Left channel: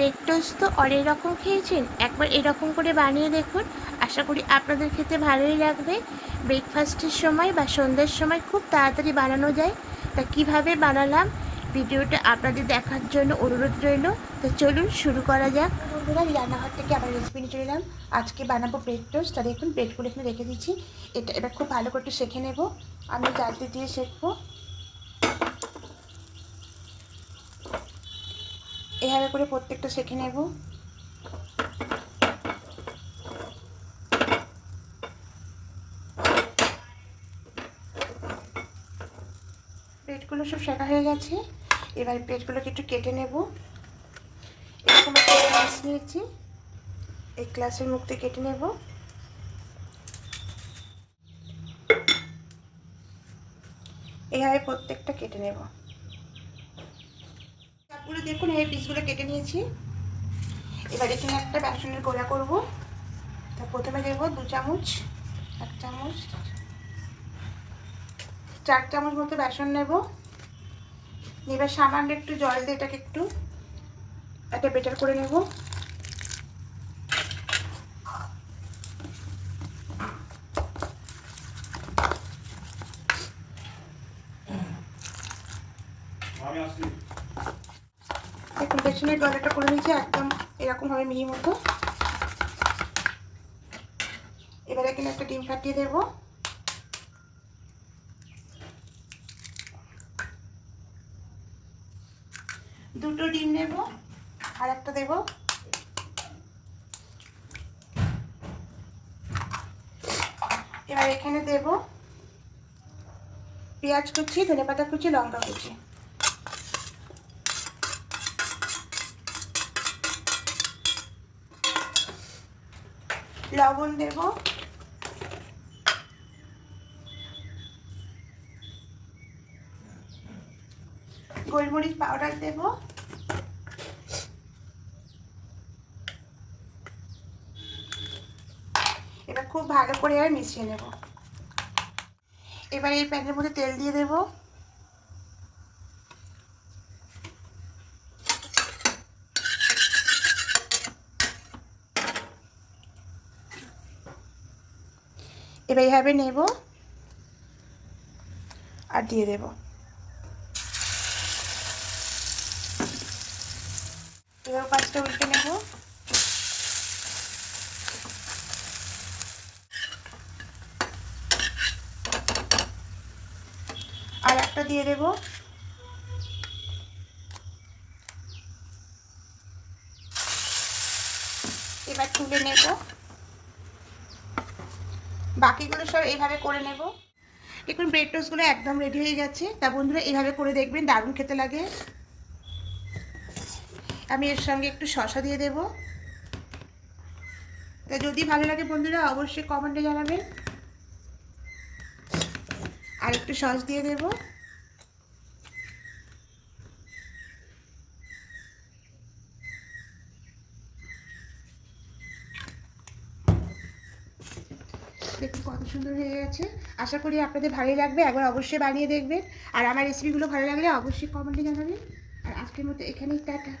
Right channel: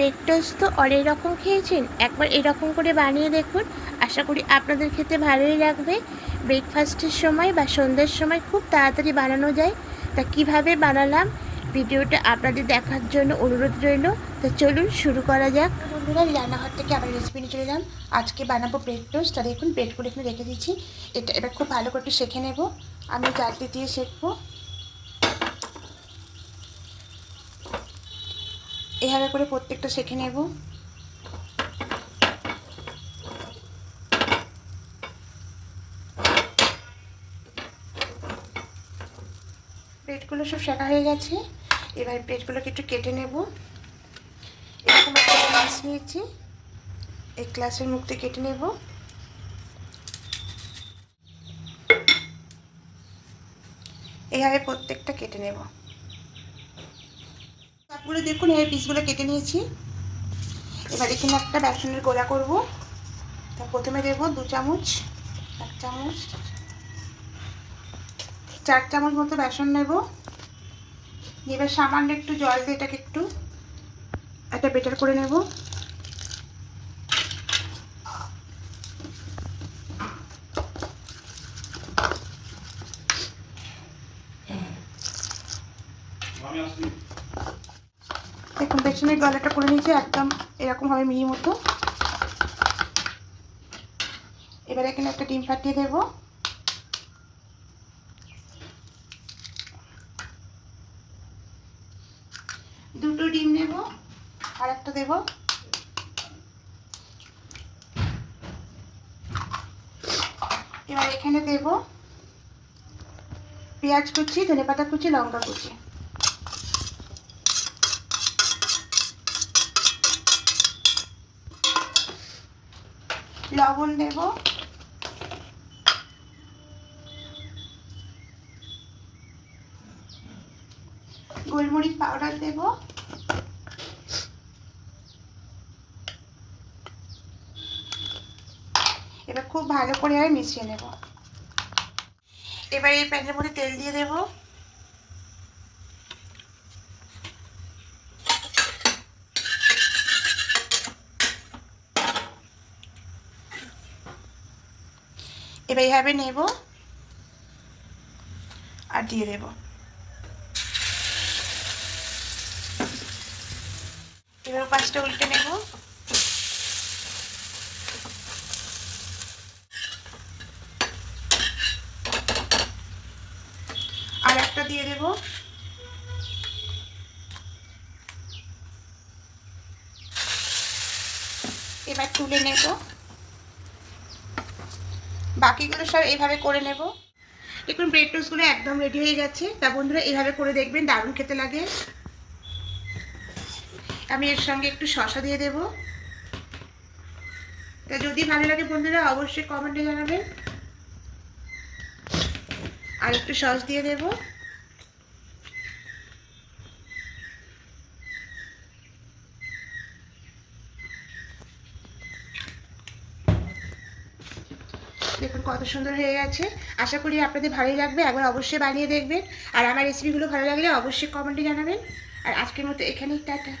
Break toast তো অনেক রকম খেয়েছেন। একবার এরকম করে বানিয়ে দেখুন। আশা করি আপনাদের খেতে ভালোই লাগবে। ব্রেকফাস্টের সময় বা সন্ধ্যের সময় খুব তাড়াতাড়ি বানানো যায়। তা কীভাবে বানালাম? ভিডিওটা আপনাদের দেখার জন্য অনুরোধ রইল। তো চলুন শুরু করা যাক। বন্ধুরা রান্নাঘর থেকে আবার রেসিপি নিয়ে চলে এলাম। আজকে বানাবো ব্রেড টোস্ট তা দেখুন ব্রেডগুলো এখানে রেখে দিচ্ছি এটা এবার খুব ভালো করে একটু শেখে নেব। আমি জালটি দিয়ে শেখবো এভাবে করে প্রত্যেকটা শেখে নেব। প্লেটগুলো সব শেখা হয়ে গেছে। এবার প্লেটগুলোকে একটু কেটে নেব। এরকম একটা গ্লাস নিয়েছি। এই গ্লাসের মুখতে কেটে নেব। এইভাবে প্রত্যেকটা কেটে নেব। সবগুলো দেখুন, এই পিসগুলো কেটে নিয়েছি। এবার এখানে একটা বেসনের গোলা করব। তা প্রথমে দেবো দু চামচ, এক চামচ, চার চামচ মতো বেসন নেব। এবার সামান্য একটু জল দিয়ে এটাকে একটু একটা বেটার করে নেব। দেখুন বেসনের গলাটা করে নিয়েছি, একদম এরকম হবে মিহি মতো। এবার এখানে একটা ডিম ফাটিয়ে দেব। দুটো ডিম নেব, আর একটা দেব। এবার এখানে দেব পেঁয়াজ কুচি ধনে পাতা কুচি, লঙ্কা কুচি। লবণ দেব। গোলমরিচ পাউডার দেব। এবার খুব ভালো করে আর মিশিয়ে নেব। এবার এই প্যানের মধ্যে তেল দিয়ে দেব। এবার এইভাবে নেব আর দিয়ে দেব এবার পাঁচটা উল্টে নেব আর একটা দিয়ে দেব এবার তুলে নেব বাকিগুলো সব এইভাবে করে নেব। দেখুন ব্রেড টোস্টগুলো একদম রেডি হয়ে গেছে তা বন্ধুরা এইভাবে করে দেখবেন দারুণ খেতে লাগে। আমি এর সঙ্গে একটু শশা দিয়ে দেব। তো যদি ভালো লাগে বন্ধুরা, অবশ্যই কমেন্টে জানাবেন। আর একটু সস দিয়ে দেব। দেখুন কত সুন্দর হয়ে গেছে। আশা করি আপনাদের ভালোই লাগবে, একবার অবশ্যই বানিয়ে দেখবেন। আর আমার রেসিপিগুলো ভালো লাগলে অবশ্যই কমেন্টে জানাবেন। আর আজকের মতো এখানেই, টাটা।